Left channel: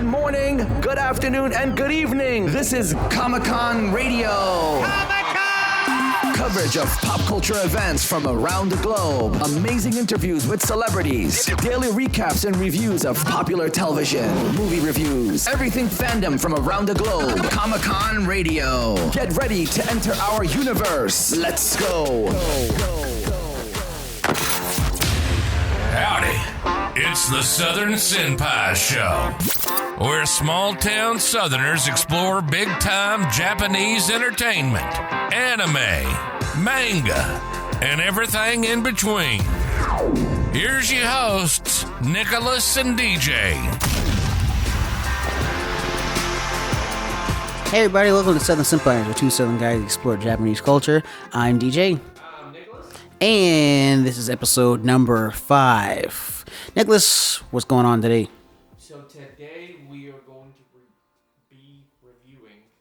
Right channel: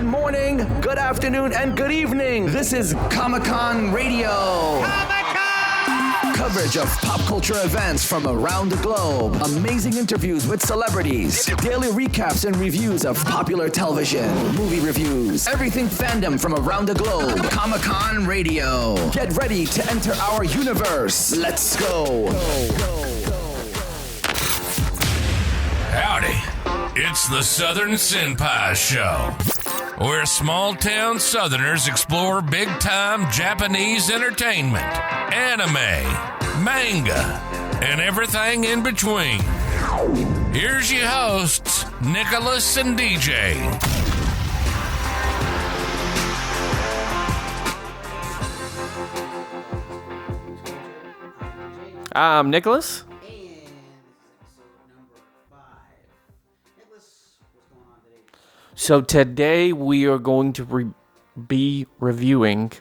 Good morning, good afternoon, and good evening. This is Comic-Con Radio. Coverage of pop culture events from around the globe. Amazing interviews with celebrities. Daily recaps and reviews of popular television. Movie reviews. Everything fandom from around the globe. Comic-Con Radio. Get ready to enter our universe. Let's go. Howdy. It's the Southern Senpais Show, where small-town Southerners explore big-time Japanese entertainment, anime, manga, and everything in between. Here's your hosts, Nicholas and DJ. Hey everybody, welcome to Southern Senpais, the two Southern guys who explore Japanese culture. I'm DJ. I'm Nicholas. And this is episode number 5. Nicholas, what's going on today? So today we are going to be reviewing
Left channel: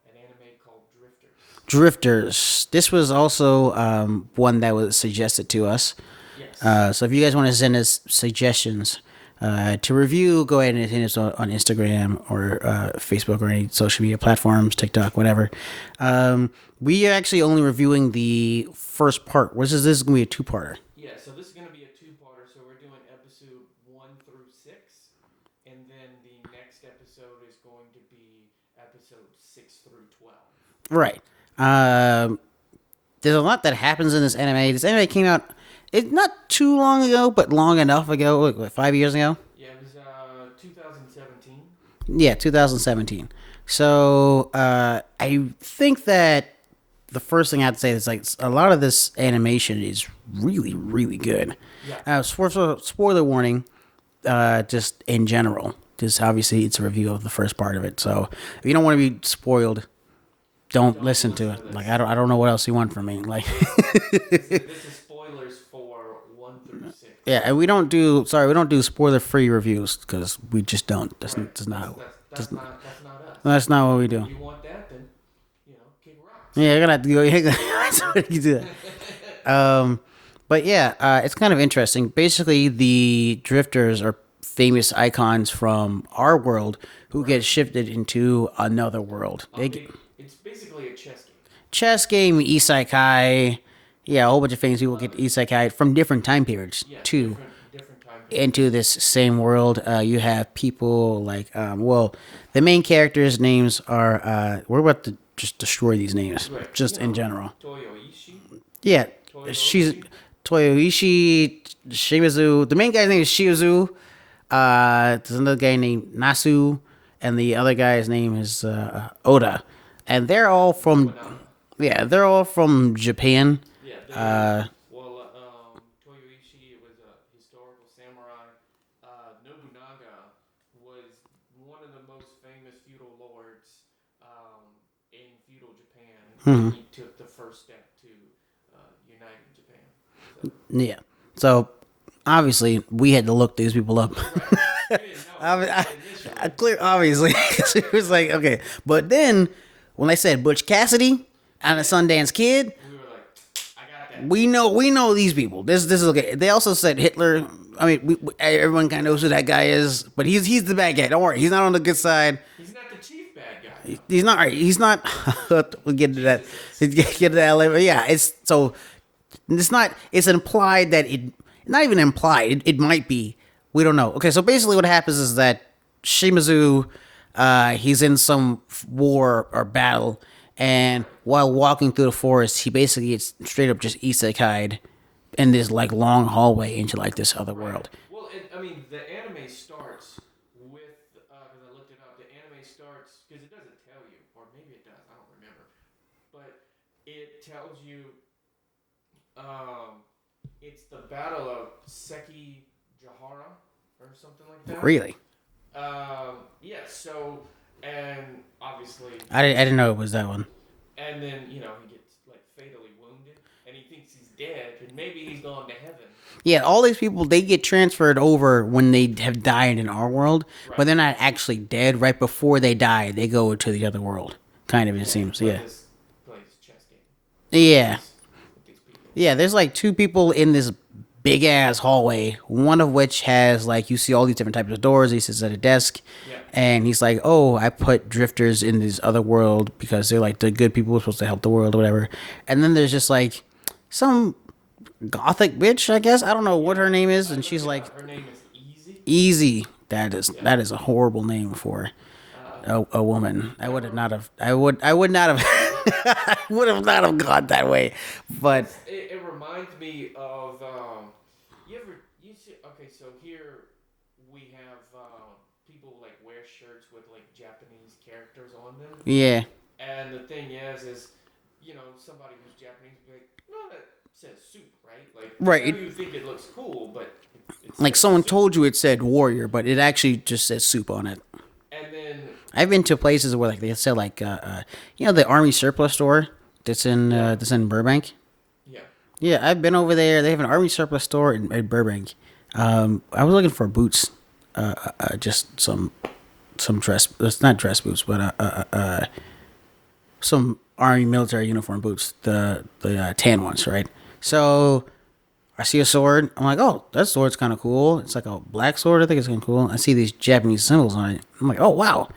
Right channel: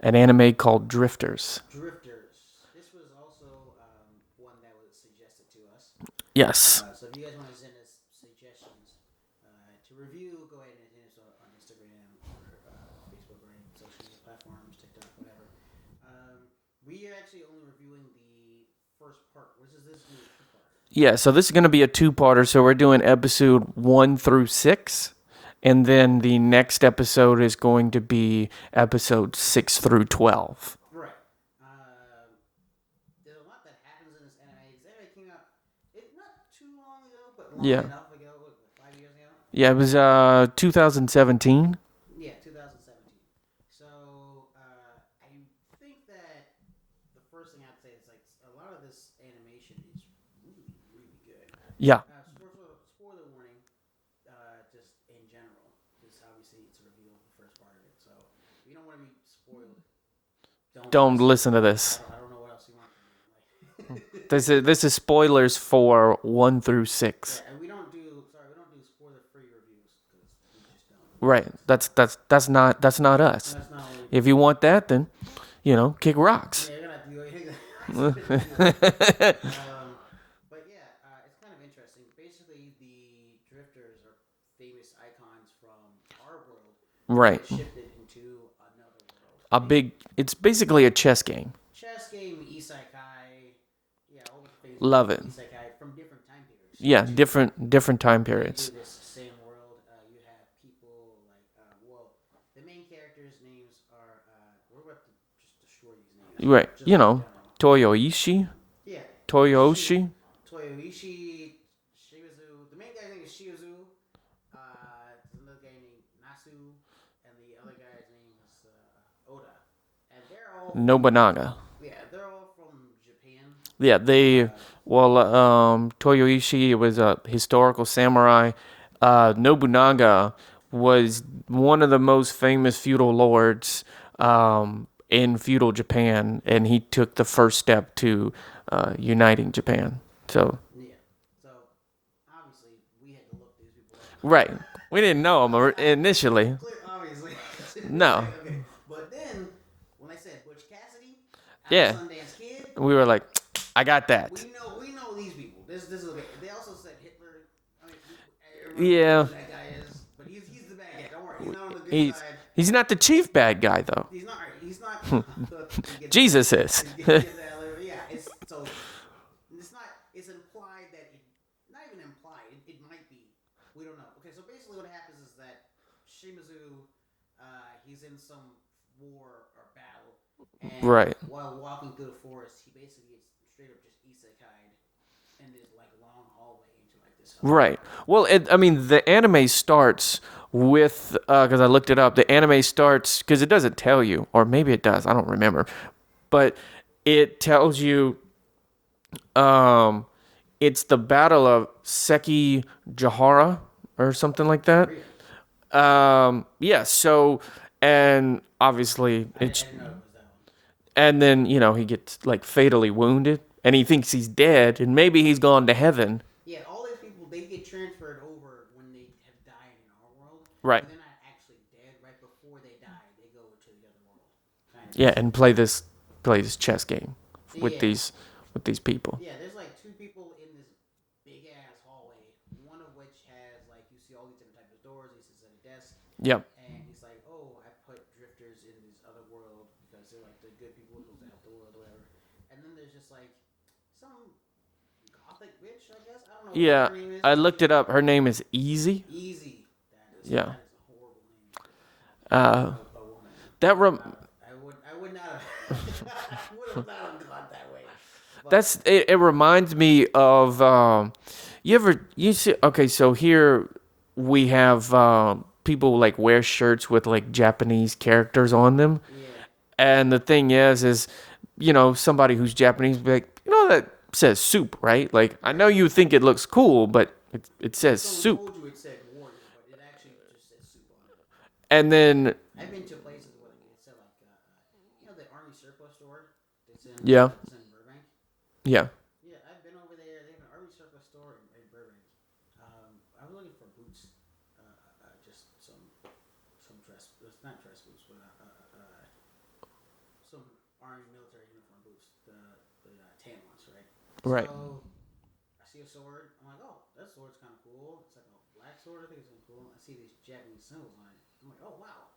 an anime called Drifters. Drifters. This was also one that was suggested to us. Yes. So if you guys want to send us suggestions to review, go ahead and hit us on Instagram or Facebook or any social media platforms, TikTok, whatever. We are actually only reviewing the first part. This is going to be a two-parter. Yeah, so this is going to be a two-parter. So we're doing episode 1 through 6. And then the next episode is going to be episode 6 through 12. Right. There's a lot that happens in this anime. This anime came out it's not too long ago, but long enough ago. What, 5 years ago? Yeah, it was 2017. Yeah, 2017. So I think that the first thing I have to say is like a lot of this animation is really, really good. Yeah. Spoiler warning, just in general. Just obviously it's a review of the first part of it. So if you don't want to be spoiled, don't listen to this. Like, I don't know what else you want from me. Like this is spoilers for 1 through 6. Yeah, and we don't do spoiler-free reviews because we just don't. That's not us. That's not what we do. If you want that, then kick rocks. Yeah, you're gonna have to go. Do that. But yeah, it's kind of interesting. Basically, the drifters are famous icons from our world who get shifted into another world. It's basically a chess game. Chess game, isekai. Yeah, a whole bunch of famous people get isekai from different time periods. Yeah, different time periods. Into this same world. You have people like, the main characters' names are, we're about to just destroy these names. Right. Just in general. Toyoishi. Yeah. Toyoishi, Shimizu. The main guy's name is Shizu. There's another guy named Nasu. And the other guy's name is Oda. And they're all from Nobunaga. Yeah, they're all from Japan. Yeah, Toyoishi was a historical samurai. Nobunaga was one of the most famous feudal lords in feudal Japan, and he took the first step to uniting Japan. So yeah, so obviously we had to look these people up. Right, we didn't know them initially. Obviously, it was like okay, but then when they said Butch Cassidy and the Sundance Kid, we were like, I got that. We know these people. This is okay. They also said Hitler. I mean, everyone kind of knows who that guy is, but he's the bad guy. Don't worry, he's not on the good side. He's not the chief bad guy though. He's not. Right. He's not. We'll get Jesus to is. Get to that later. Yeah, it's so. It's not. It's implied that it. Not even implied. It might be. We don't know. Okay, so basically, what happens is that Shimizu, he's in some war or battle. And while walking through the forest, he basically gets straight up just isekai'd in this like long hallway into like this other world. Well, the anime starts with because I looked it up. The anime starts because it doesn't tell you, or maybe it does. I don't remember, but it tells you it's the Battle of Sekigahara or something like that. Really? Yeah. So. And obviously, I didn't know it was that one. And then, he gets like fatally wounded and he thinks he's dead and maybe he's gone to heaven. Yeah, all these people, they get transferred over when they have died in our world. Right. But they're not actually dead. Right before they die, they go to the other world. Kind of. Yeah, and play this chess game. With these people. Yeah, there's like two people in this big ass hallway, one of which has like you see all these different types of doors. He sits at a desk, and he's like, "Oh, I put drifters in this other world because they're like the good people who are supposed to help the world or whatever." And then there's just like some gothic bitch, I guess. I don't know what her name is. I and looked she's it like, up. Her name is Easy. Easy. That is a horrible name for a woman. I would not have. I would not have. I would have not have gone that way. But It reminds me of you see. Okay, so here we have people like wear shirts with like Japanese characters on them. yeah, And the thing is somebody who's Japanese be like, that says soup, right? Like I Right. know you think it looks cool, but it says like someone soup. told you it said warrior, but it actually just says soup on it. And then I've been to places where like they said like the army surplus store that's in Burbank. yeah. Yeah, I've been over there. They have an army surplus store in Burbank. I was looking for boots, just some dress. It's not dress boots, but some army military uniform boots. The tan ones, right? So I see a sword. I'm like, oh, that sword's kind of cool. It's like a black sword. I think it's kind of cool. I see these Japanese symbols on it. I'm like, oh wow,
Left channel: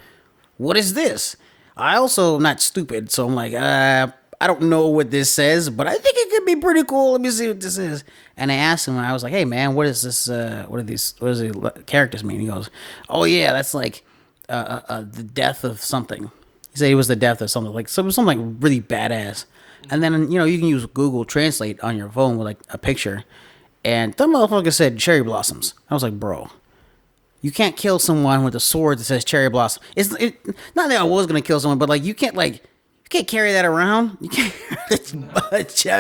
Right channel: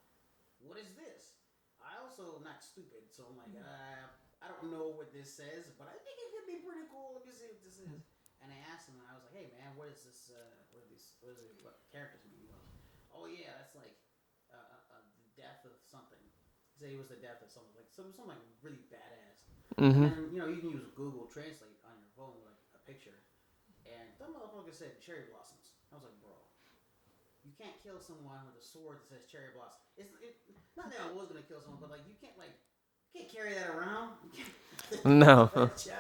what is this? I also am not stupid, so I'm like, I don't know what this says, but I think it could be pretty cool. Let me see what this is. And I asked him, I was like, hey man, what is this? What does the characters mean? He goes, oh yeah, that's like the death of something. He said it was the death of something, like something like really badass. Mm-hmm. And then you can use Google Translate on your phone with like a picture, and that motherfucker said cherry blossoms. I was like, bro, you can't kill someone with a sword that says cherry blossom. Not that I was gonna kill someone, but like you can't carry that around. You can't. No.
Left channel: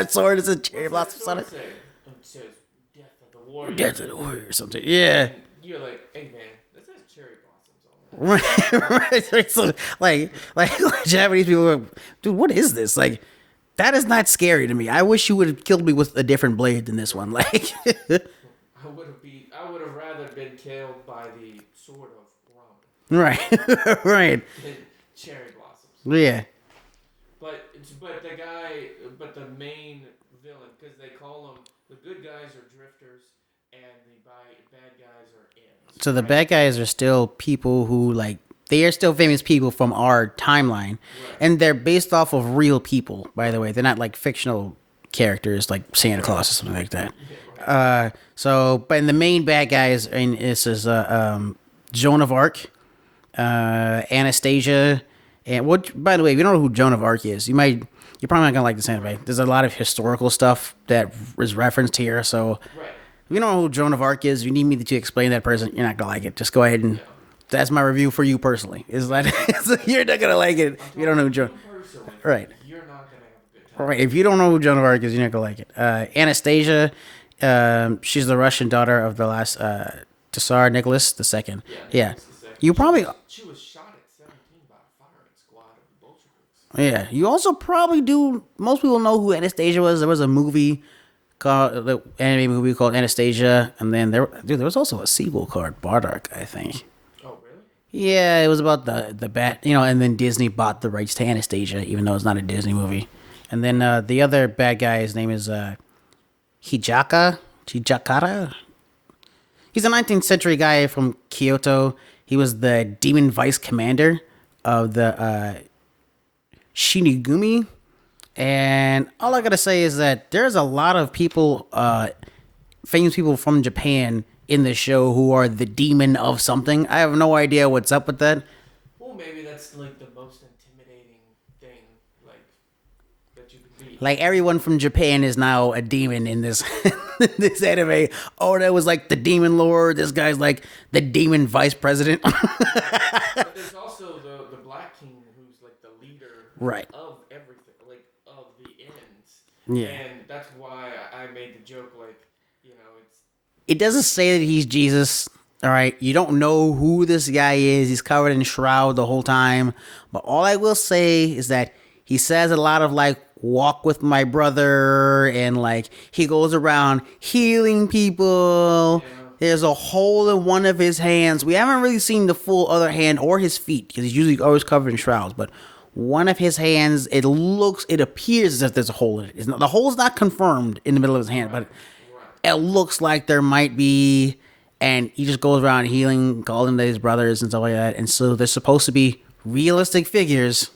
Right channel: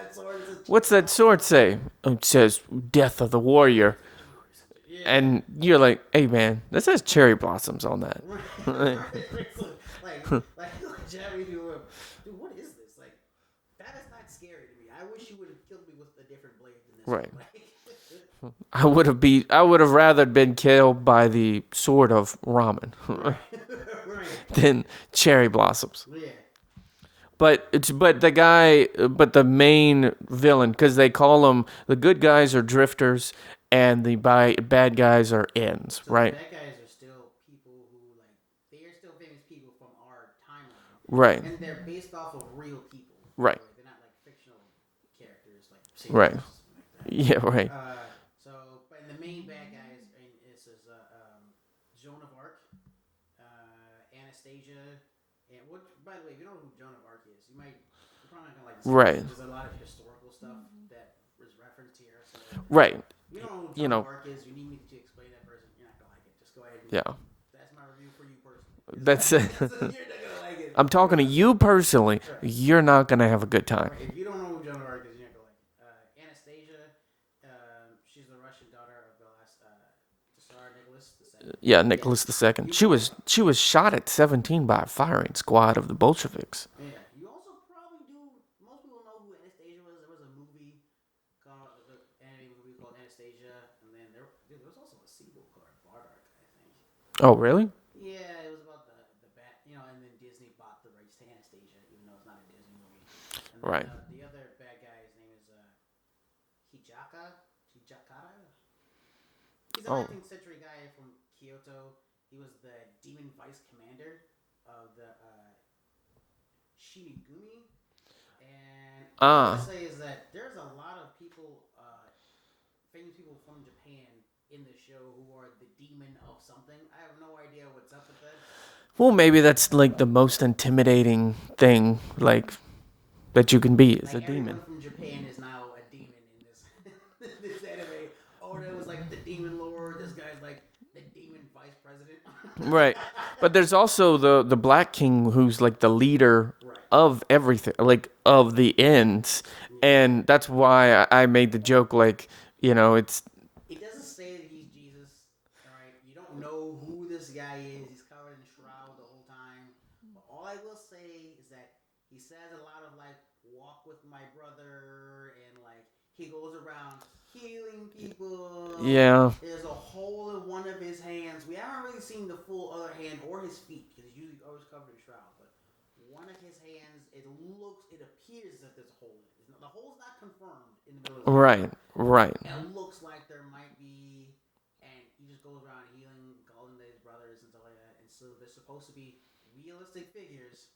Sword is a cherry What's that sword say? It says "Death of the Warrior." Death of the Warrior or something. Yeah. And you're like, hey man, that says cherry blossoms on that. Right. So, like Japanese people are, dude, what is this? Like, that is not scary to me. I wish you would have killed me with a different blade than this one. Like, I would have rather been killed by the sword of ramen. Right. Right. Than cherry blossoms. Yeah. But the main villain, because they call them, the good guys are drifters and the bad guys are ends. So right? the bad guys are still people who they are still famous people from our timeline. Right. And they're based off of real people, by the way. They're not like fictional characters like Santa Claus or something like that. Yeah, right. But the main bad guys is Joan of Arc, Anastasia. And by the way, if you don't know who Joan of Arc is, you're probably not gonna like this anime. Right. There's a lot of historical stuff that is referenced here. So Right. if you don't know who Joan of Arc is, you need me to explain that person. You're not gonna like it. Just go ahead and that's my review for you personally. You're not gonna like it. I'm talking to you personally. Right. You're not gonna have a good time. Right. If you don't know who Joan of Arc is, you're not gonna like it. Anastasia, she's the Russian daughter of the last Tsar Nicholas II. Yeah, Nicholas II. She was shot at 17 by a firing squad of the Bolsheviks. Yeah. You also probably do. Most people know who Anastasia was. There was a movie the anime movie called Anastasia, and then there was also a sequel called Bardock, I think. Oh, really? Yeah, it was about the bat, and then Disney bought the rights to Anastasia, even though it's not a Disney movie. And then the other bad guy, his name is Hijakara. He's a 19th century guy from Kyoto. He was the demon vice commander of the Shinigami. And all I gotta say is that there's a lot of people, famous people from Japan in the show who are the demon of something. I have no idea what's up with that. Well, maybe that's like the most intimidating thing, like, that you can be. Like, everyone from Japan is now a demon in this this anime. Oh, that was like the demon lord. This guy's like the demon vice president. Right. But there's also the Black King, who's like the leader of everything, like of the ends. Yeah. And that's why I made the joke, like, it doesn't say that he's Jesus. All right. You don't know who this guy is. He's covered in shroud the whole time. But all I will say is that he says a lot of like, walk with my brother, and like he goes around healing people. Yeah. There's a hole in one of his hands. We haven't really seen the full other hand or his feet because he's usually always covered in shrouds. But one of his hands, it appears as if there's a hole in it. The hole's not confirmed in the middle of his hand. Right. It looks like there might be, and he just goes around healing, calling to his brothers and stuff like that. And so they're supposed to be realistic figures.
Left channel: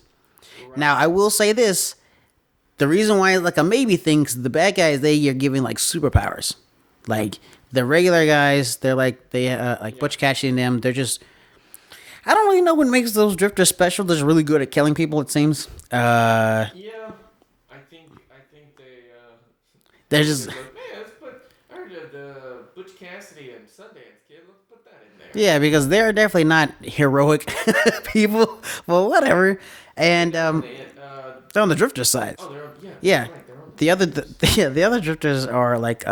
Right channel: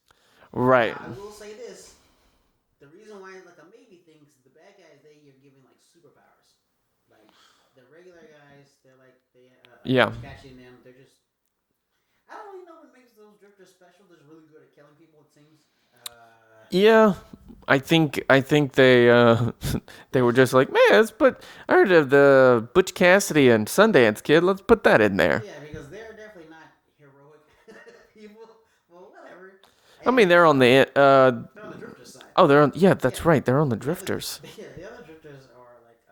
Right. Now, I will say this. The reason why it's like a maybe thing is the bad guys, they are giving like superpowers. Like the regular guys, they're like, Butch Cassidy and them, they're just, I don't really know what makes those drifters special. They're just really good at killing people, it seems. Yeah. I think they were just like, man, I heard of the Butch Cassidy and Sundance Kid. Let's put that in there. Yeah, because they're definitely not heroic people. Well, whatever. And, I mean, they're on the they're on the drifter side. Oh, they're on. Yeah, that's right. They're on the drifters. The other drifters are like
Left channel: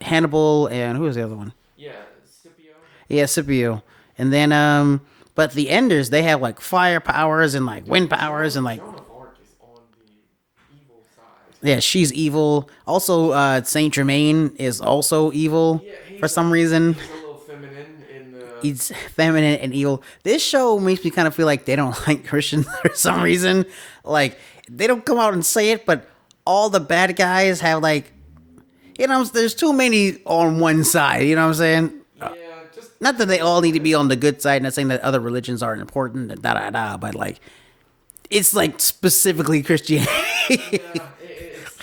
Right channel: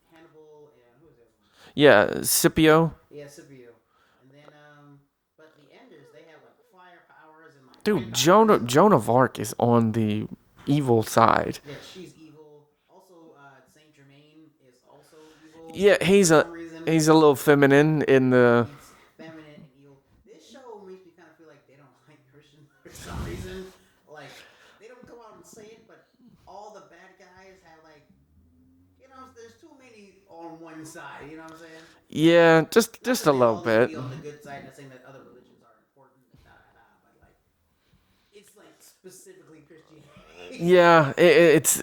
Hannibal and who was the other one? Yeah, Scipio. Yeah, Scipio. And then but the Enders, they have like fire powers and like wind powers and like Joan of Arc is on the evil side. Yeah, she's evil. Also, Saint Germain is also evil. Yeah, for some reason. He's a little feminine in the. He's feminine and evil. This show makes me kind of feel like they don't like Christians for some reason. Like they don't come out and say it, but all the bad guys have like, there's too many on one side. You know what I'm saying? Yeah, not that they all need to be on the good side. Not saying that other religions aren't important and but like. It's like specifically Christianity. Yeah, it's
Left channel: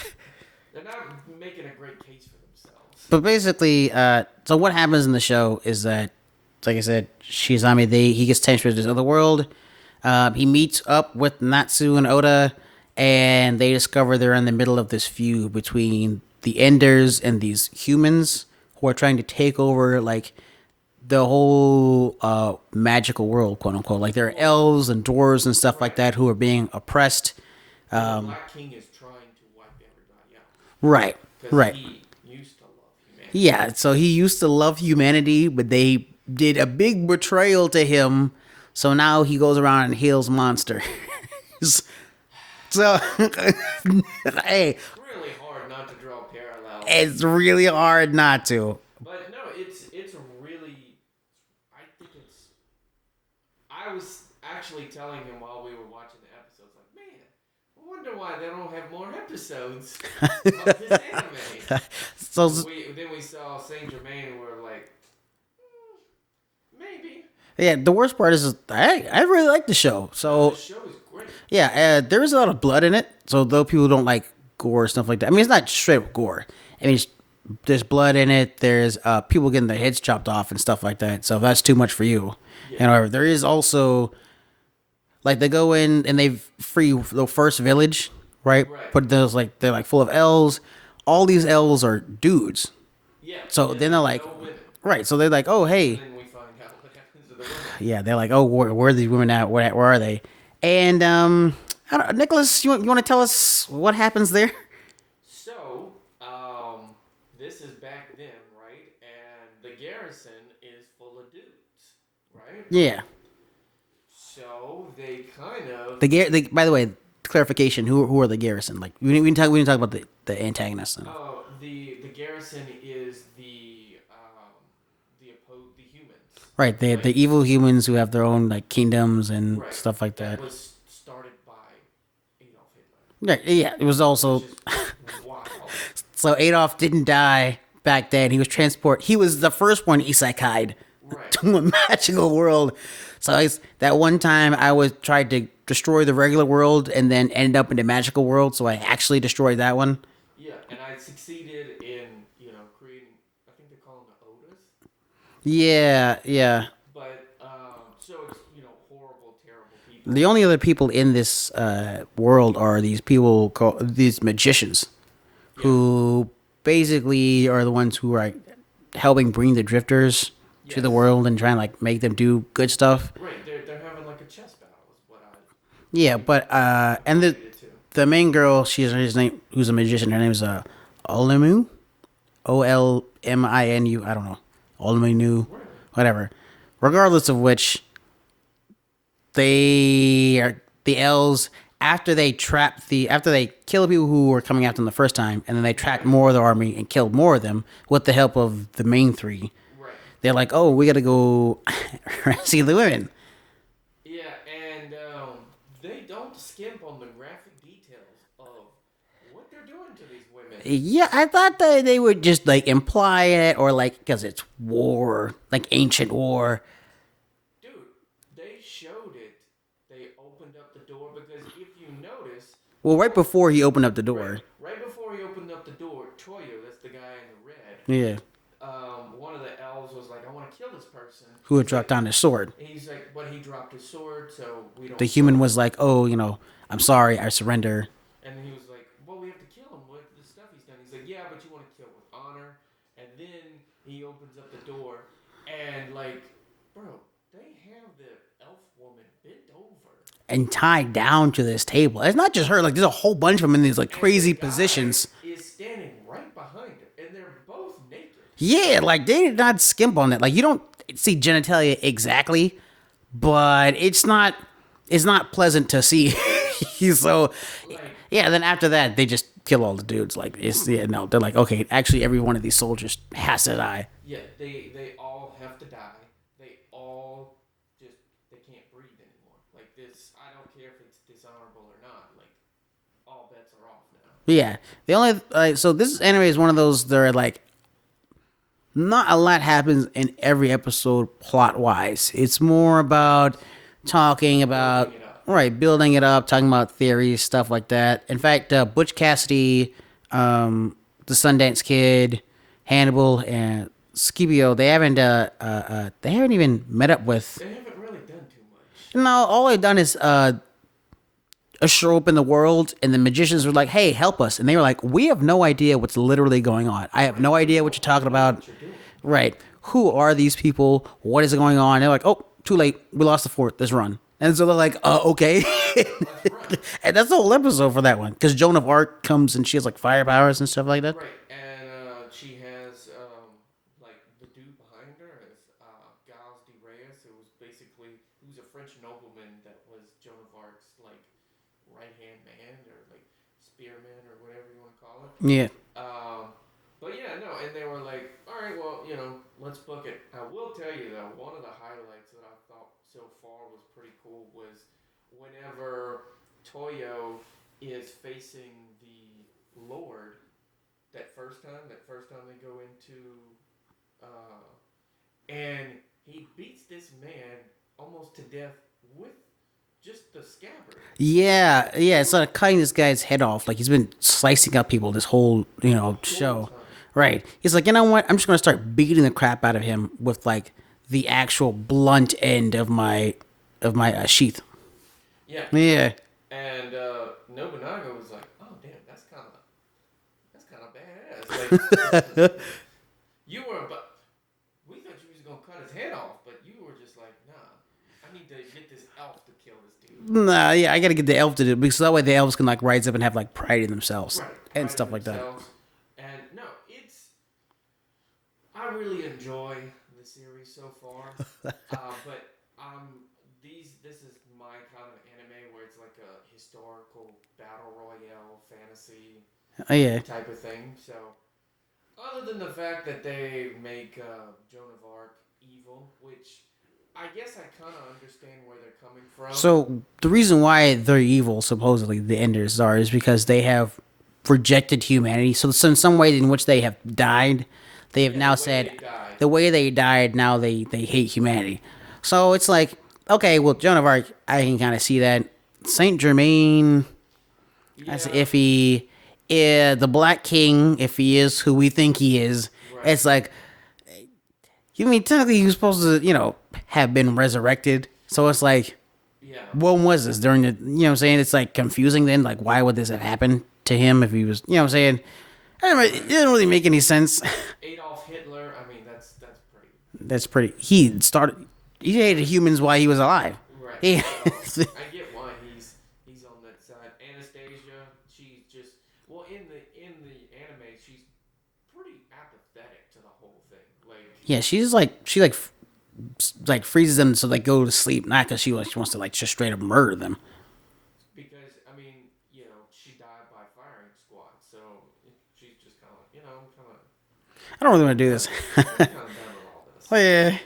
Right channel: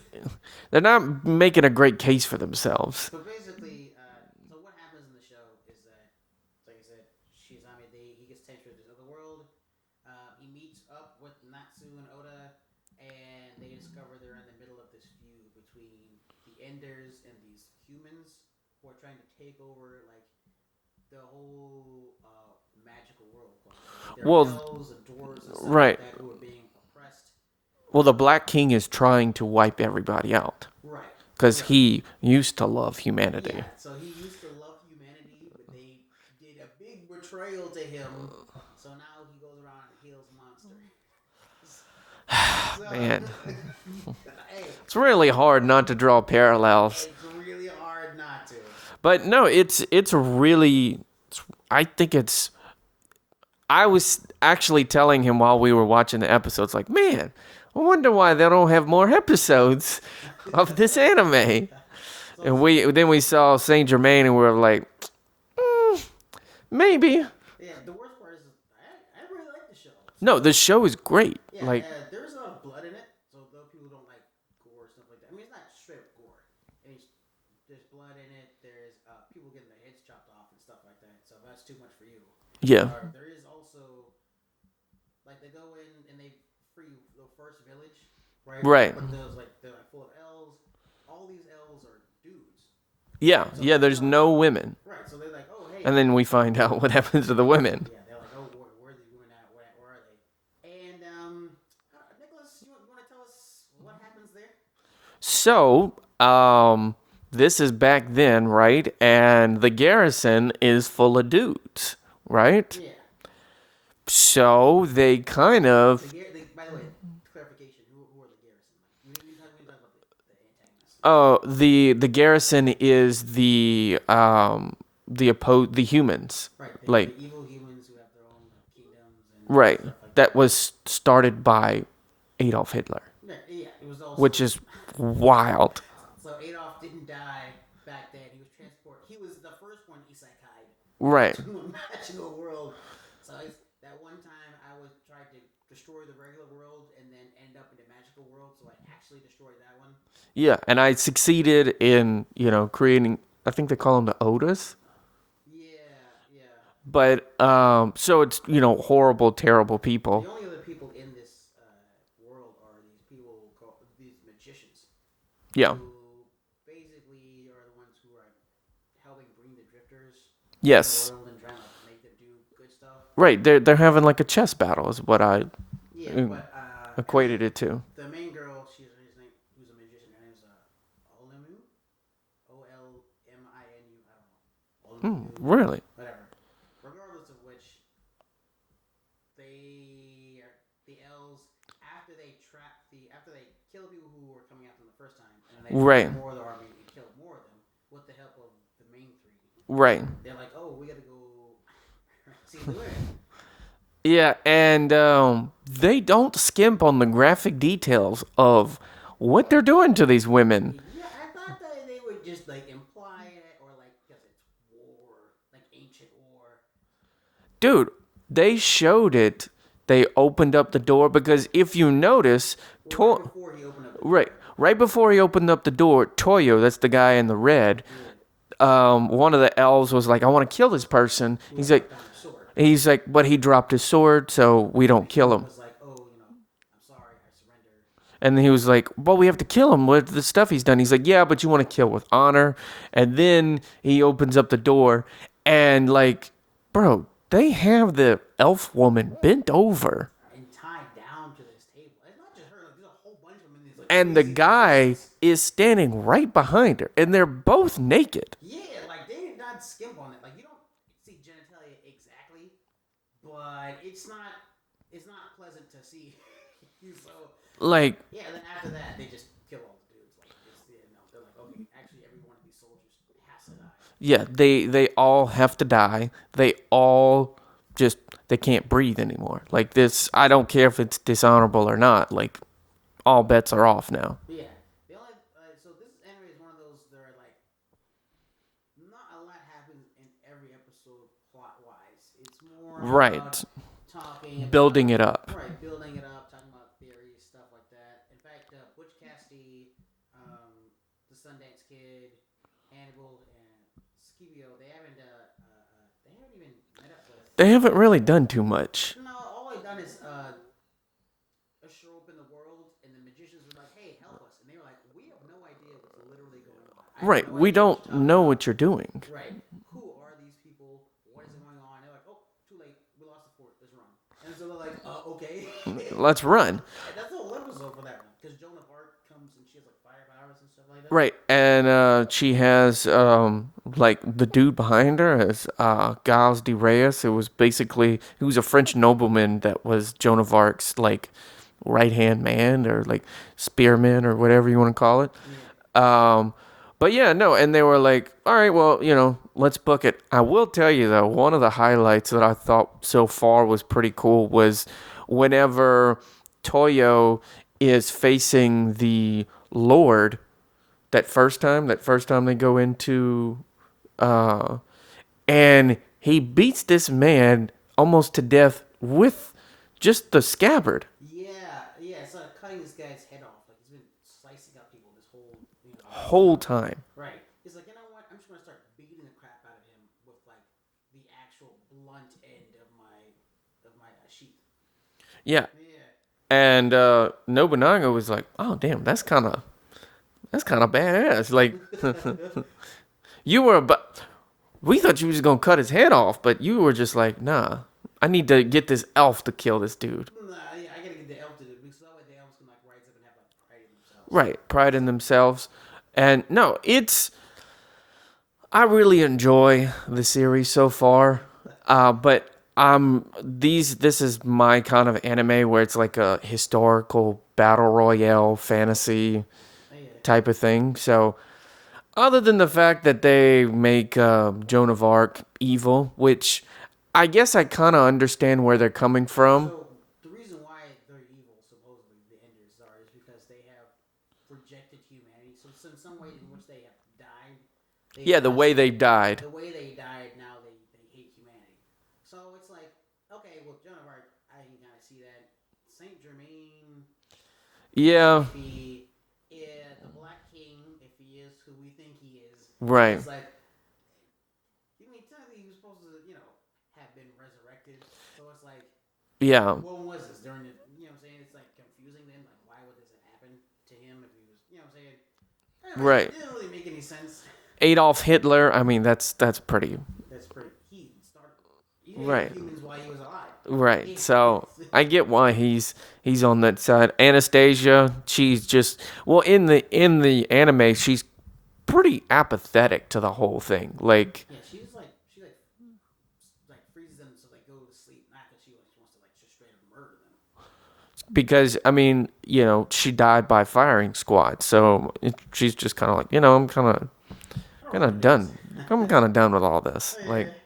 they're not making a great case for themselves. But basically, so what happens in the show is that, like I said, Shizami, he gets transferred to this other world. He meets up with Natsu and Oda, and they discover they're in the middle of this feud between the Enders and these humans who are trying to take over, like, the whole magical world, quote unquote. Like there are elves and dwarves and stuff like that who are being oppressed. Well, the Black King is trying to wipe everybody out. Right. Because he used to love humanity. Yeah, so he used to love humanity, but they did a big betrayal to him. So now he goes around and heals monsters. So, hey. It's really hard not to draw parallels. It's really hard not to. But no, it's really, I was actually telling him while we were watching the episodes, like, man, I wonder why they don't have more episodes of this anime. So then we saw Saint Germain and we were like, maybe. Yeah, the worst part is I really like the show. So, no, the show is great. Yeah, there is a lot of blood in it. So though people don't like gore and stuff like that, I mean, it's not straight up gore. I mean, there's blood in it. There's people getting their heads chopped off and stuff like that. So if that's too much for you. Yeah. There is also, like, they go in and they free the first village, right? Right. But they're like full of elves. All these elves are dudes. Yeah, so there's no women. Right, so they're like, oh, hey. And then we find out what happens to the women. Yeah, they're like, oh, where are these women at? Where are they? And, Nicholas, you want to tell us what happens there? So, this is back then, right? And the garrison is full of dudes, right? Yeah. So, they kind of... by the way, clarification, who are the garrison? Like, we didn't talk about the antagonists. Oh, the garrison is the humans. Right, the evil humans who have their own like kingdoms and stuff like that. That was started by Adolf Hitler. Yeah, it was also which is wild. So Adolf didn't die back then. He was the first one isekai'd to a magical world. So that one time I tried to destroy the regular world and then end up in the magical world. So I actually destroyed that one. Yeah, and I succeeded in, creating, I think they call them the Odas. Yeah. But, so it's, horrible, terrible people. The only other people in this world are these people called these magicians. Yeah. Who basically are the ones who are helping bring the drifters to the world and trying to make them do good stuff. Right. They're having like a chess battle is what I... Yeah, but equated it to. The main girl, his name, who's a magician. Her name is Olemu, Olminu. I don't know, Olminu. Really? Whatever. Regardless of which, they are the elves. After they kill the people who were coming after them the first time, and then they trapped more of the army and killed more of them with the help of the main three. Right. They're like, oh, we got to go see the women. Yeah, and they don't skimp on the graphic details of what they're doing to these women. Yeah, I thought that they would just like imply it, or like because it's war, like ancient war. Dude, they showed it. They opened up the door because if you notice, Right before he opened up the door. right before he opened up the door, Toyo, that's the guy in the red. Yeah. One of the elves was like, "I want to kill this person." Who had He's like, dropped down his sword. He's like, "But he dropped his sword, so we don't The kill human him." was like, "Oh, I'm sorry, I surrender." And he was like, "Well, we have to kill him with the stuff he's done." He's like, "Yeah, but you want to kill with honor." And then he opens up the door, and like, bro, they have the elf woman bent over, And tied down to this table. It's not just her. Like, there's a whole bunch of them in these like and crazy the guy positions. is standing right behind her, and they're both naked. Yeah, like they did not skimp on that. Like you don't see genitalia exactly, but it's not pleasant to see. So Like, yeah, then after that they just kill all the dudes. Like they're like, okay, actually every one of these soldiers has to die. yeah, they all have to die. They all just they can't breathe anymore. Like this, I don't care if it's dishonorable or not. Like, all bets are off now. Yeah, the only so this anime is one of those that are like not a lot happens in every episode plot wise. It's more about talking about Building it up. right? Building it up, talking about theories, stuff like that. In fact, Butch Cassidy, the Sundance Kid, Hannibal, and Scipio, they haven't even met up with. They haven't really done too much. No, all they've done is show up in the world, and the magicians were like, "Hey, help us!" And they were like, "We have no idea what's literally going on. I have no idea what you're talking know about. what you're doing." Right? Who are these people? What is going on?" They're like, "Oh, too late. We lost the fort. Let's run." And so they're like, "Okay." Let's run. And that's the whole episode for that one, because Joan of Arc comes and she has like fire powers and stuff like that. Right, and she has like the dude behind her is Giles de Reyes. It was basically he was a French nobleman that was Joan of Arc's like right hand man or like spearman or whatever you want to call it. Yeah. But yeah, no, and they were like, all right, well, let's book it. I will tell you though, one of the highlights that I thought so far was pretty cool was whenever Toyo is facing the Lord that first time they go into and he beats this man almost to death with just the scabbard. Yeah. It's like cutting this guy's head off. Like he's been slicing up people this whole show. Time. Right. He's like, you know what? I'm just gonna start beating the crap out of him with like the actual blunt end of my sheath. Yeah. Yeah. And Nobunaga was like, "Oh, damn, that's kind of badass." Like, we thought you were just gonna cut his head off, but you were just like, "Nah, I need to get this elf to kill this dude." Nah, yeah, I gotta get the elf to do it because that way the elves can like rise up and have like pride in themselves. Right, and pride stuff in like that. themselves. And no, I really enjoy the series so far, but this is my kind of anime where it's like a historical battle royale fantasy type of thing. So other than the fact that they make Joan of Arc evil, which I guess I kind of understand where they're coming from. So the reason why they're evil, supposedly the Enders are, is because they have rejected humanity. So in some way in which they have died, they have now the way said, they died. The way they died, now they hate humanity. So it's like, okay, well, Joan of Arc, I can kind of see that. Saint Germain, Yeah. if he, the Black King, if he is who we think he is, Right. It's like, you mean technically he was supposed to, have been resurrected. So it's like, Yeah. when was this during the? What I'm saying? It's like confusing. Then, like, why would this have happened to him if he was? What I'm saying? Anyway, Right. It doesn't really make any sense. Adolf Hitler, I mean, that's pretty. That's pretty. He hated Right. humans while he was alive. Right. Yeah. So I get why he's on that side. Anastasia, she's just in the anime, she's pretty apathetic to the whole thing. Like, Yeah, she's like she freezes them so they go to sleep, not because she wants to like just straight up murder them. because I mean, she died by firing squad, so she's just kind of like, I'm kind of I don't really want to do done. this. I'm kind of done with all this. Yeah.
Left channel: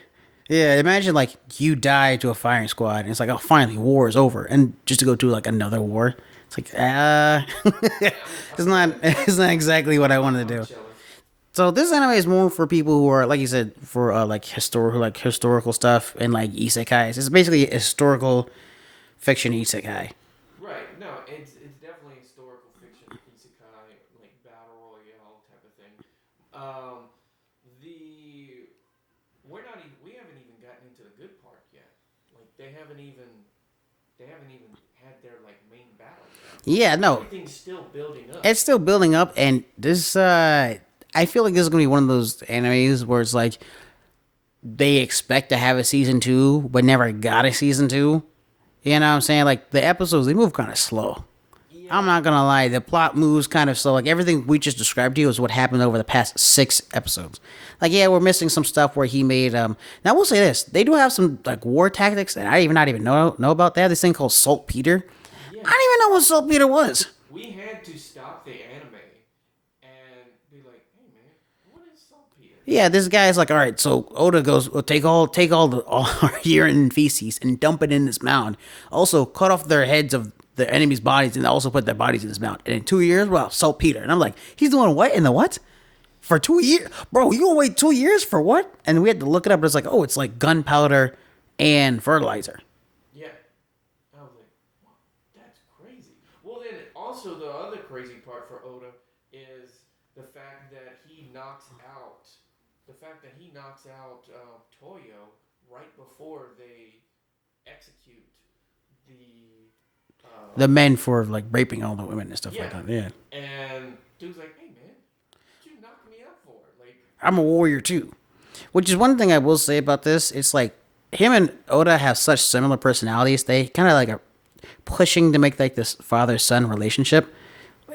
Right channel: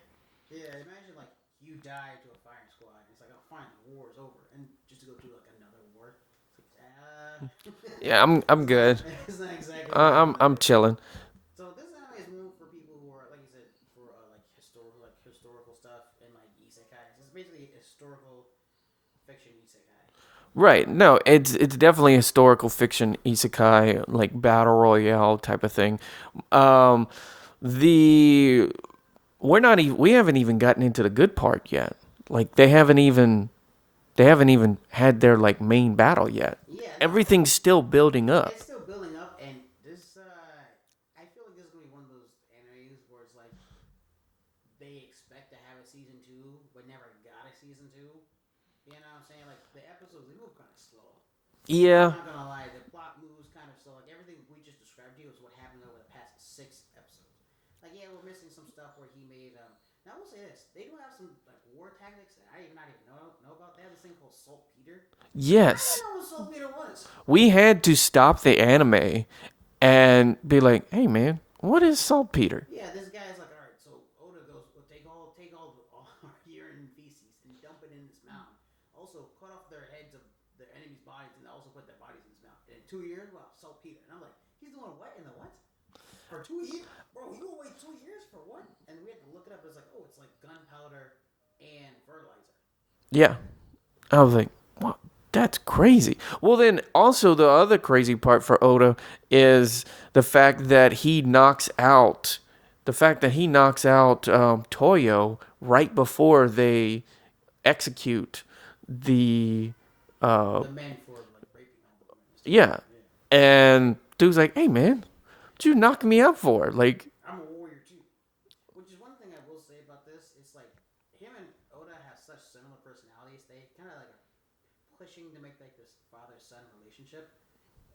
Yeah, imagine like you die to a firing squad, and it's like, oh, finally, war is over, and just to go to like another war, it's like, Yeah, I'm it's good. not, it's not exactly what I want to do. I'm chilling. So this anime is more for people who are, like you said, for like historical stuff and like isekais. It's basically a historical fiction isekai. Right. No, it's definitely a historical fiction isekai, like battle royale type of thing. The we haven't even gotten into the good part yet. Like they haven't even had their like main battle yet. Yeah, no. Everything's still building up. It's still building up, and this I feel like this is gonna be one of those animes where it's like they expect to have a season 2, but never got a season 2. You know what I'm saying? Like the episodes, they move kind of slow. Yeah. I'm not gonna lie, the plot moves kind of slow. Like everything we just described to you is what happened over the past 6 episodes. Like, yeah, we're missing some stuff where he made now I will say this, they do have some like war tactics, and I not even know about that. This thing called saltpeter. Yes. I didn't even know what saltpeter was. We had to stop the anime and be like, "Hey, man, what is saltpeter?" Yeah, this guy's like, all right, so Oda goes, well, take all our urine and feces and dump it in this mound. Also, cut off their heads of the enemy's bodies and also put their bodies in this mound. And in 2 years, well, saltpeter. And I'm like, he's doing what in the what? For 2 years? Bro, you gonna wait 2 years for what? And we had to look it up, but it's like, oh, it's like gunpowder and fertilizer. Yeah. I was like, "What? That's crazy." Well, then also the other crazy part for Oda is the fact that he knocks out Toyo right before they execute the men for like raping all the women and stuff. yeah. Like that. Yeah. And dude's like, "Hey, man, what you knock me out for?" Like, I'm a warrior too. Which is one thing I will say about this. It's like him and Oda have such similar personalities. They kind of like are pushing to make like this father-son relationship.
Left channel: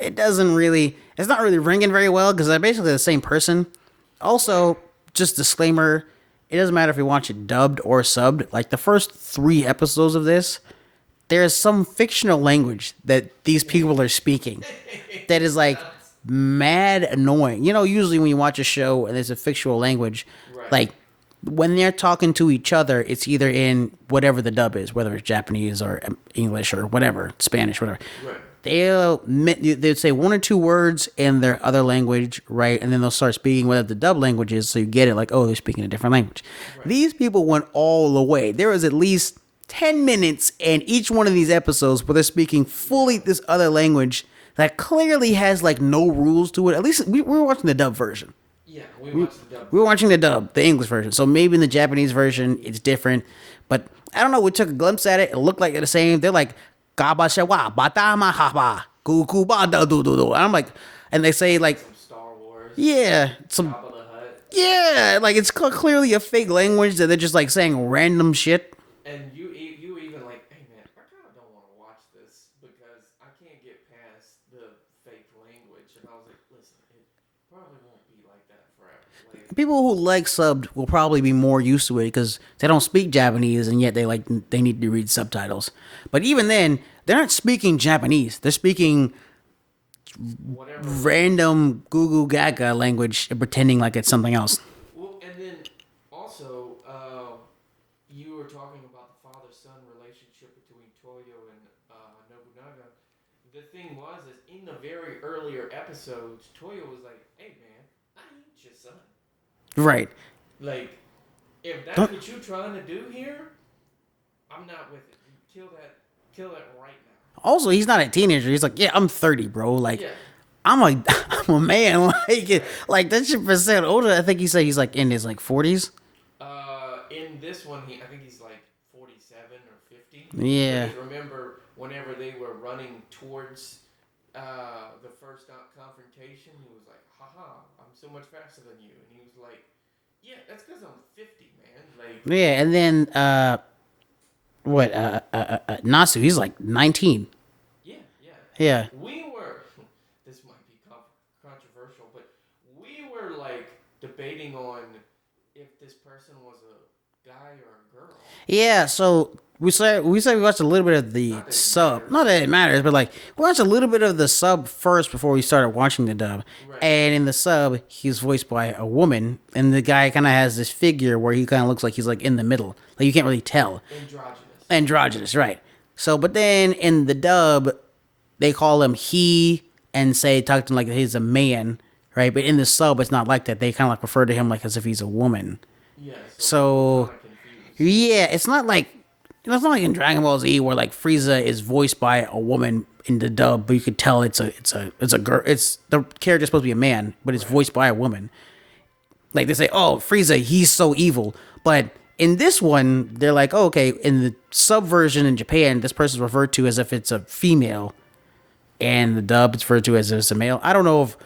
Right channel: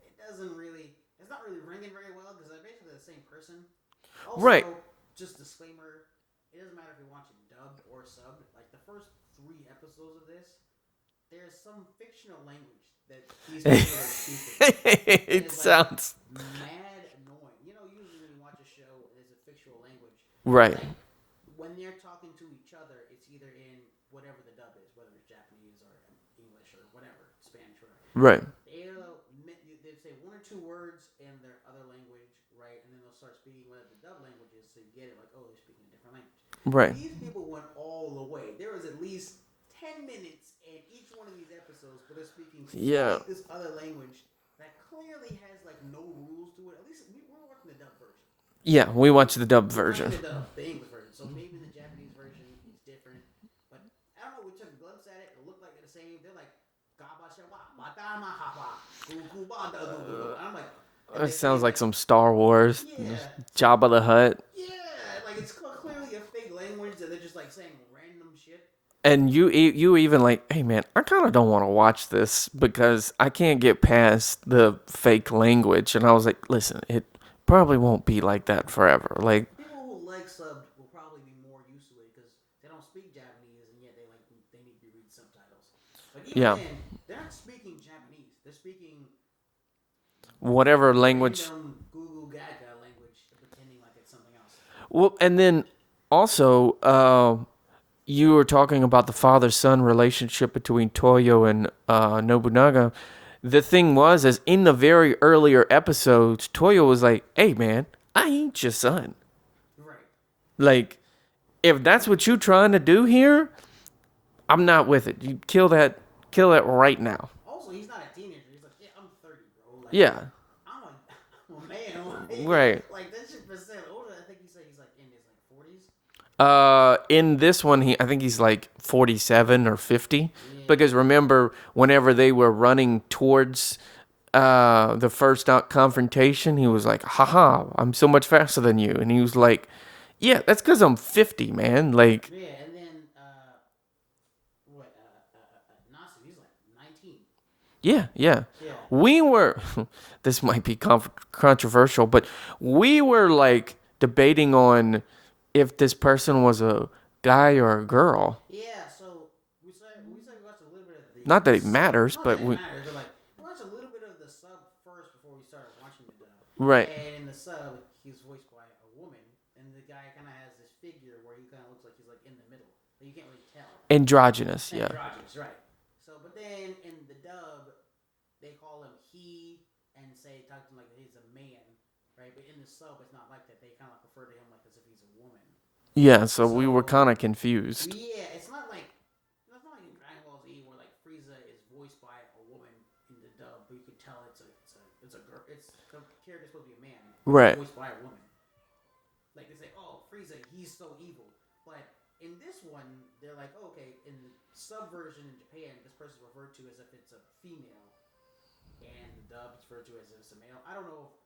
It's not really ringing very well because they're basically the same person. Also, Right. just disclaimer, it doesn't matter if you watch it dubbed or subbed. Like the first 3 episodes of this, there's some fictional language that these people are speaking that is like Sounds- mad annoying. You know, usually when you watch a show and there's a fictional language, Right. like when they're talking to each other, it's either in whatever the dub is, whether it's Japanese or English or whatever, Spanish, whatever. right. They'd say 1 or 2 words in their other language, right? And then they'll start speaking whatever the dub language is, so you get it like, oh, they're speaking a different language. Right. These people went all the way. There was at least 10 minutes in each one of these episodes where they're speaking fully Yeah. this other language that clearly has like no rules to it. At least we were watching the dub version. Yeah, we watched the dub We were version. watching the dub, the English version. So maybe in the Japanese version, it's different. But I don't know. We took a glimpse at it. It looked like they're the same. They're like, "Gabashawa, batama haba, kukuba da do do do." And I'm like, and they say Sounds like, some Star Wars. yeah, Jabba the Hutt. yeah, like it's clearly a fake language that they're just like saying random shit. And you even like, "Hey, man, I kind of don't want to watch this because I can't get past the fake language." And I was like, "Listen, it probably won't be like that forever." Like, People who like subbed will probably be more used to it because they don't speak Japanese and yet they need to read subtitles. But even Yeah. then, they're not speaking Japanese. They're speaking whatever language. random Goo Goo Gaga language and pretending like it's something else. Well, and then also, you were talking about the father-son relationship between Toyo and Nobunaga. The thing was, is in the very earlier episodes, Toyo was like, "Hey, man, I ain't your son. Right. Like, if that's what you trying to do here, I'm not with it. You kill that right now." Also, he's not a teenager. He's like, yeah, I'm 30, bro. Like, Yeah. I'm a man. Like, Right. like that shit percent older. I think he said he's like in his like 40s. In this one, I think he's like 47 or 50. Yeah. Because remember, whenever they were running towards the first confrontation, he was like, "Haha, I'm so much faster than you." And he was like, "Yeah, that's because I'm 50, man." Like, Yeah, and then Nasu, he's like 19. yeah. Yeah. We were, this might be controversial, but we were like debating on if this person was a guy or a girl. Yeah, so we watched a little bit of the Not that it sub. matters, Not but that it matters, but like we watched a little bit of the sub first before we started watching the dub. Right. And in the sub, he's voiced by a woman, and the guy kind of has this figure where he kind of looks like he's like in the middle, like you can't really tell. Androgynous. Androgynous, right? So, but then in the dub, they call him he and talk to him like he's a man, right? But in the sub, it's not like that. They kind of like refer to him like as if he's a woman. Yeah, so we were So- kind of confused. Yeah, it's not like it's not like in Dragon Ball Z where like Frieza is voiced by a woman in the dub, but you could tell it's a girl. It's the character's supposed to be a man, but Right. it's voiced by a woman. Like they say, oh, Frieza, he's so evil. But in this one, they're like, oh, okay, in the sub version in Japan, this person's referred to as if it's a female, and the dub it's referred to as if it's a male. I don't know if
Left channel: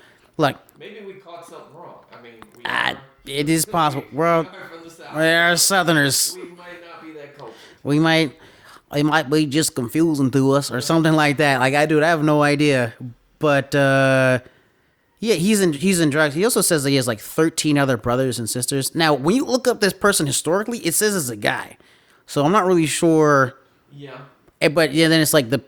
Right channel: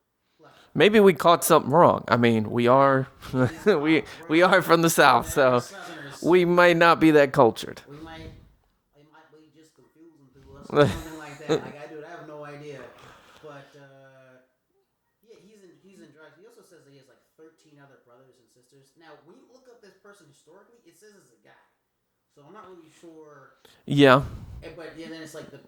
like Maybe we caught something wrong. I mean, we are. it is possible. we are from the South. We are so Southerners. we might not be that cultured. It might be just confusing to us or something like that. Like I have no idea. But yeah, he's in drugs. He also says that he has like 13 other brothers and sisters. Now, when you look up this person historically, it says it's a guy. So I'm not really sure. Yeah. But yeah, then it's like the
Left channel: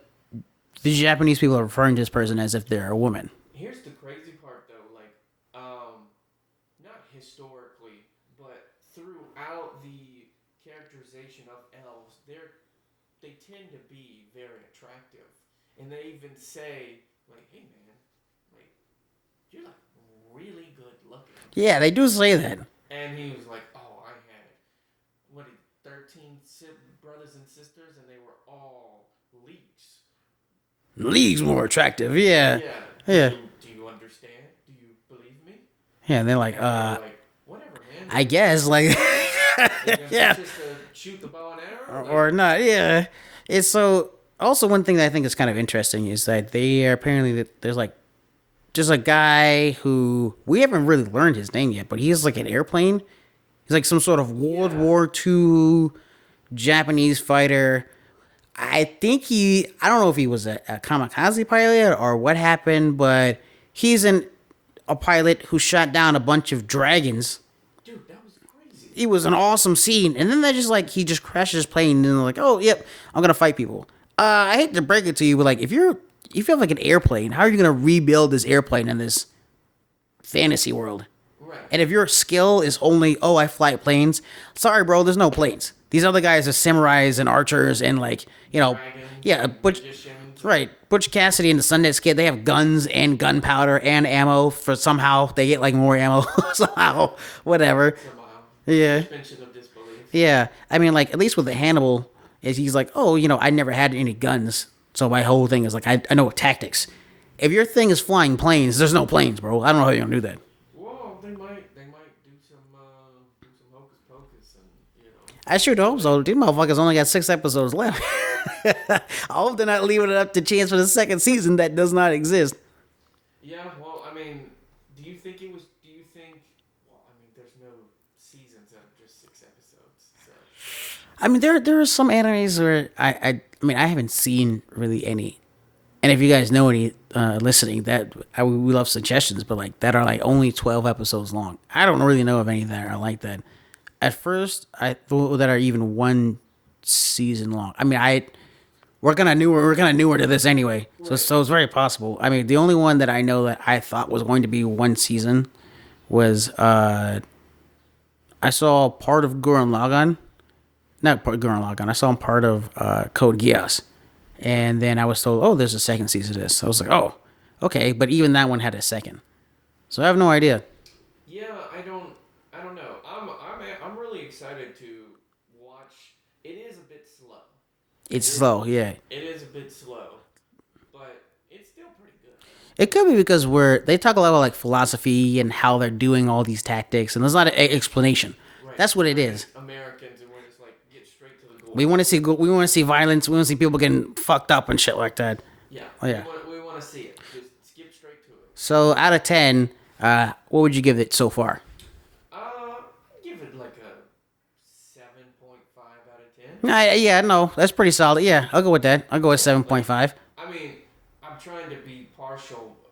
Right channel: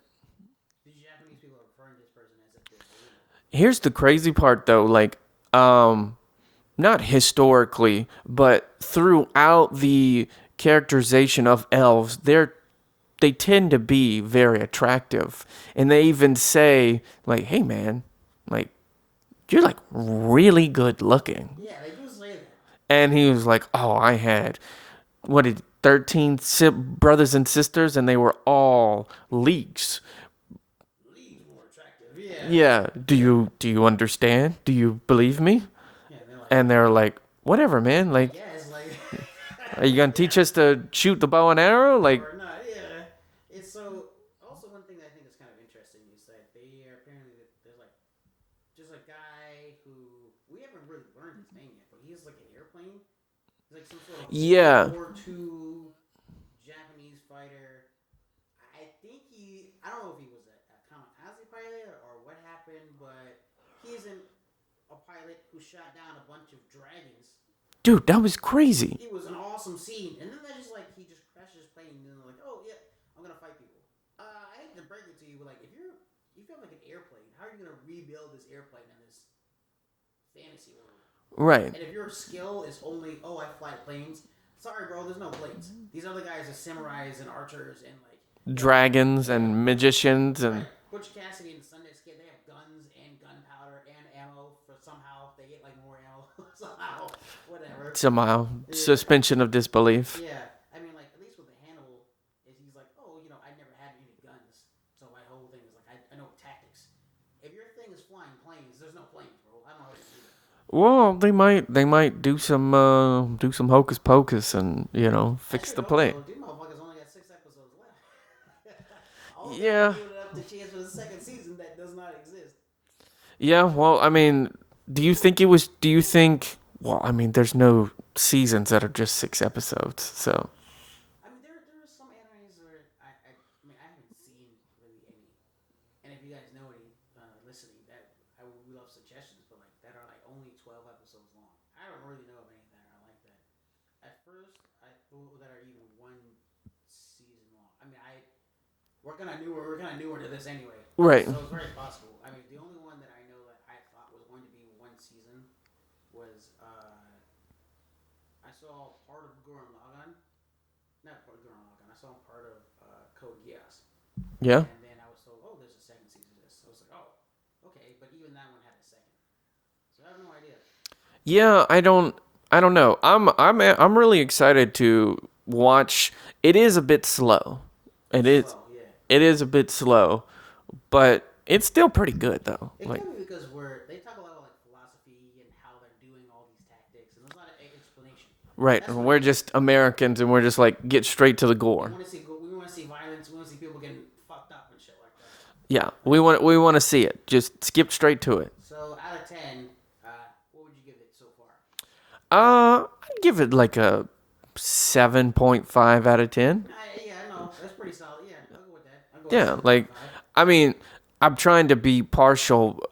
Japanese people are referring to this person as if they're a woman. Here's the crazy part, though. Like, not historically, but throughout the characterization of elves, they tend to be very attractive, and they even say, like, "Hey, man, like, you're like really good looking." Yeah, they do say that. And he was like, "Oh, I had 13 brothers and sisters, and they were all leagues." Leagues more attractive. Yeah. Yeah. Yeah. Do you understand? Do you believe me? Yeah, and they're like, And they're like, whatever, man. I Like, guess, like, are you gonna teach us to shoot the bow and arrow? Like, or not? Yeah. It's so. Also, one thing that I think is kind of interesting is that they are apparently there's like just a guy who we haven't really learned his name yet, but he's like an airplane. He's like some sort of Yeah. World War II Japanese fighter. I don't know if he was a kamikaze pilot or what happened, but he's a pilot who shot down a bunch of dragons. dude, that was crazy. It was an awesome scene. And then he just crashes his plane and they're like, oh, yep, I'm going to fight people. I hate to break it to you, but like, if you have like an airplane, how are you going to rebuild this airplane in this fantasy world? Right. And if your skill is only, oh, I fly planes, sorry, bro, there's no planes. These other guys are samurais and archers and like, Dragons and magicians. And, right. Butch Cassidy and the Sundance Kid, they have guns and gunpowder and ammo for somehow they get like more ammo somehow, whatever. Somehow. Yeah. Suspension of disbelief. Yeah. I mean, like, at least with the Hannibal, he's like, oh, I never had any guns. So my whole thing is like, I know tactics. If your thing is flying planes, there's no planes, bro. I don't know how you're going to do that. Well, they might do some hocus pocus and I sure fix the hope play. so. These motherfuckers only got 6 episodes left. I hope they're not leaving it up to chance for the second season that does not exist. Yeah, well, I mean, well, I mean, there's no seasons that are just 6 episodes, so. I mean, there are some animes where I mean, I haven't seen really any. And if you guys know any listening, we love suggestions, but like that are like only 12 episodes long. I don't really know of any that are like that. At first, I thought that are even 1 season long. I mean, we're kind of newer to this anyway, Right. So it's very possible. I mean, the only one that I know that I thought was going to be 1 season was I saw part of Gurren Lagann. Not part of Gurren Lagann. I saw part of Code Geass. Yeah. And then I was told, oh, there's a second season of this. So I was like, oh, okay. But even that one had a second. So I have no idea. Yeah, I don't know. I'm really excited to watch. It is a bit slow. It's slow, yeah. It is a bit slow, but it's still pretty good though. It could be because they talk a lot about like philosophy and how they're doing all these tactics, and there's not an explanation. Right. That's what we're it is. just Americans, and we're just like get straight to the goal. We want to see violence. We want to see people getting fucked up and shit like that. Yeah, yeah. we want to see it. Just skip straight to it. So out of 10, what would you give it so far? I'd give it like a 7.5 out of 10. Yeah, no, that's pretty solid. Yeah, I'll go with that. I'll go with 7.5. I mean, I'm trying to be impartial,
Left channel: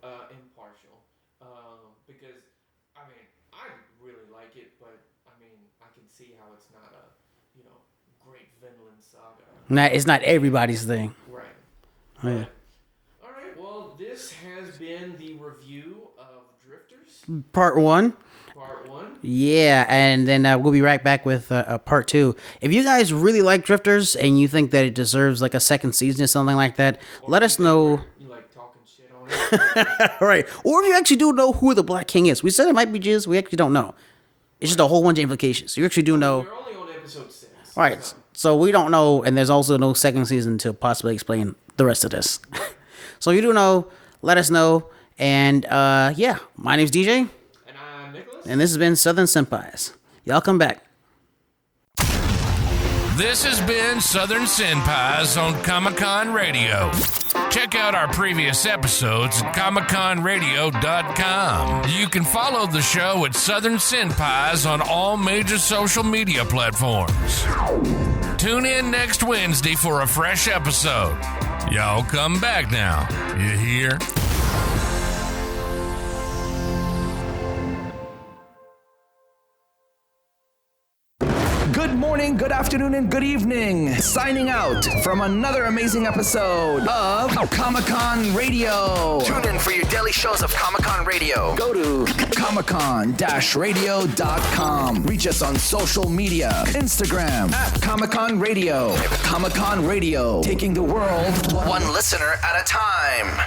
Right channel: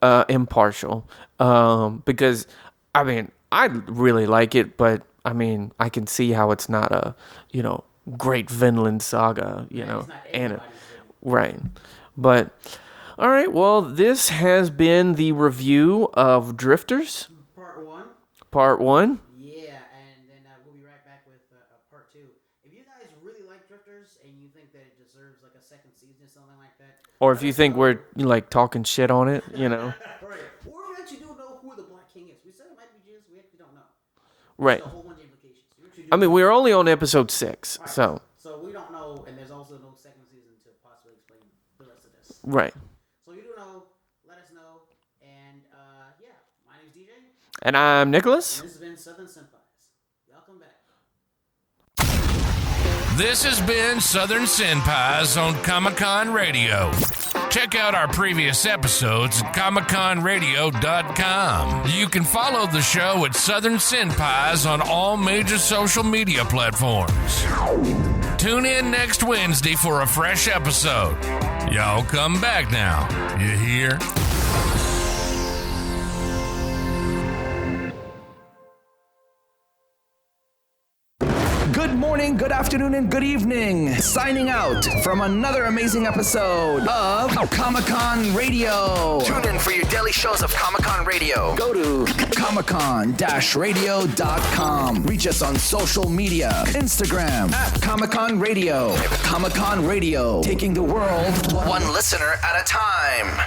because I mean, I really like it, but I mean, I can see how it's not a, great Vinland Saga. It's not everybody's thing. Right. But, all right, well, this has been the review of Drifters. Part 1. Part 1. Yeah, and then we'll be right back with part 2. If you guys really like Drifters and you think that it deserves like a second season or something like that, or let if you us think know. we're like talking shit on it, you know. Right. Or if you actually do know who the Black King is. We said it might be Jizz. We actually don't know. It's just a whole bunch of implications. You actually do know. We're only on episode 6. Right. So we don't know, and there's also no second season to possibly explain the rest of this. Right. So you do know, let us know. And yeah, my name's DJ. And I'm Nicholas. And this has been Southern Senpais. Y'all come back. This has been Southern Senpais on Comic-Con Radio. Check out our previous episodes at ComicConRadio.com. You can follow the show at Southern Senpais on all major social media platforms. Tune in next Wednesday for a fresh episode. Y'all come back now. You hear? Good morning, good afternoon, and good evening. Signing out from another amazing episode of Comic-Con Radio. Tune in for your daily shows of Comic-Con Radio. Go to comiccon-radio.com. Reach us on social media. Instagram at Comic-Con Radio. Comic-Con Radio. Taking the world one listener at a time.